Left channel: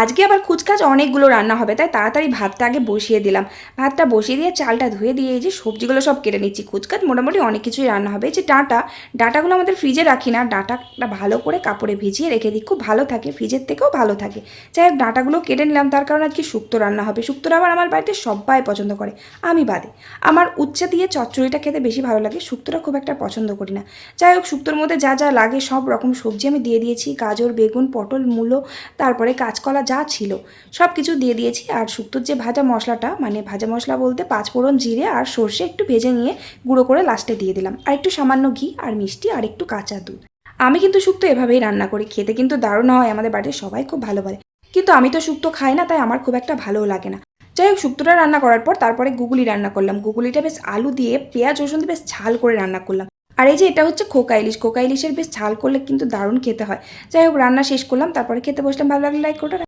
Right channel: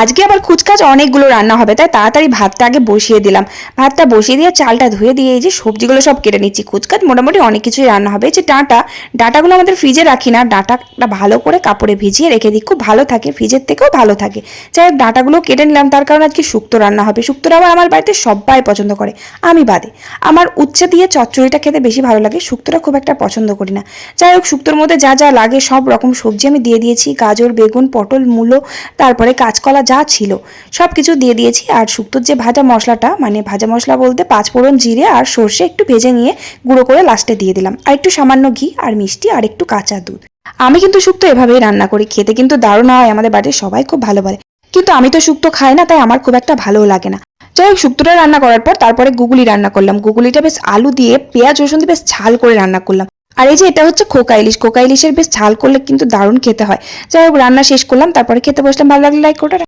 আজকে আবার কুচকাচ অনেকগুলো রান্না হবে, তাই তাড়াতাড়ি ভাতটা আগে বসিয়ে দিলাম। ভাতটা বসিয়ে দিয়ে চালটা ধুয়ে দিয়ে এই যে সবজিগুলো সব কেটে নিচ্ছি। কুচকাচ মোটামুটি অনেক কিছুই রান্না হবে। এই যে ডাঁটা, ডাঁটাগুলো আমাদের ফ্রিজে রাখি না, ডাঁটাটা ভালো করে কাপড়ে ভিজিয়ে রেখে দিই। খুব ভালো থাকে, ফ্রিজের থেকেও ভালো থাকে। যাই হোক, ডাঁটাগুলো কেটে নিলাম, তার কারণ আজকে শুক্তো রান্না হবে। শুক্তোটা আবার আমার বাড়িতে সবাই পছন্দ করে, আমি বাদে। আমার উচ্ছে দিয়ে চচ্চড়িটা খেতে বেশি ভালো লাগে, শুক্তোটা খুব একটা পছন্দ করি না। যাই হোক, শুক্তোর মধ্যে যা যা লাগে সব রকম সবজি আমি দিয়ে দিয়েছি। গাজর, বেগুন, পটল, মূলো, তারপরে কাঁচকলা যা ছিল সব কিছু দিয়ে দিয়েছি। আর শুক্তোর যে ভাজা মশলাটা মানে ভাজা মশলা বলতে পাঁচফোড়ন জিরে আর সর্ষে একটু ভেজে নিয়ে গুঁড়ো করে লাস্টে দিয়ে দিলাম। আর একটু সামান্য ঘি আর মিষ্টি আর একটু কাঁচা দুধ। আমি কিন্তু শুক্তো এভাবেই রান্না করি, খেতে কিন্তু দারুণ হয়, আমাদের বাড়ির সবাই খুব ভালো বলে। কিন্তু আমি তো শুক্তো খাই না, তাই আমার খুব একটা ভালোও লাগে না। যাই হোক, শুক্তোটা রান্না করার পর তারপরে গুগলি রান্না করলাম। গুগলিটা বেশ আলু দিয়ে পেঁয়াজ, রসুন দিয়ে বেশ ঝাল করে রান্না করলাম। আর এই যে এটা হচ্ছে খোকা ইলিশ। খোকা ইলিশের বেশ ঝাল করলে কিন্তু দারুণ খেতে হয়। যাই হোক, রান্না শেষ করলাম, তারপরে খেতে বসলাম। ভালো লাগলে লাইক করে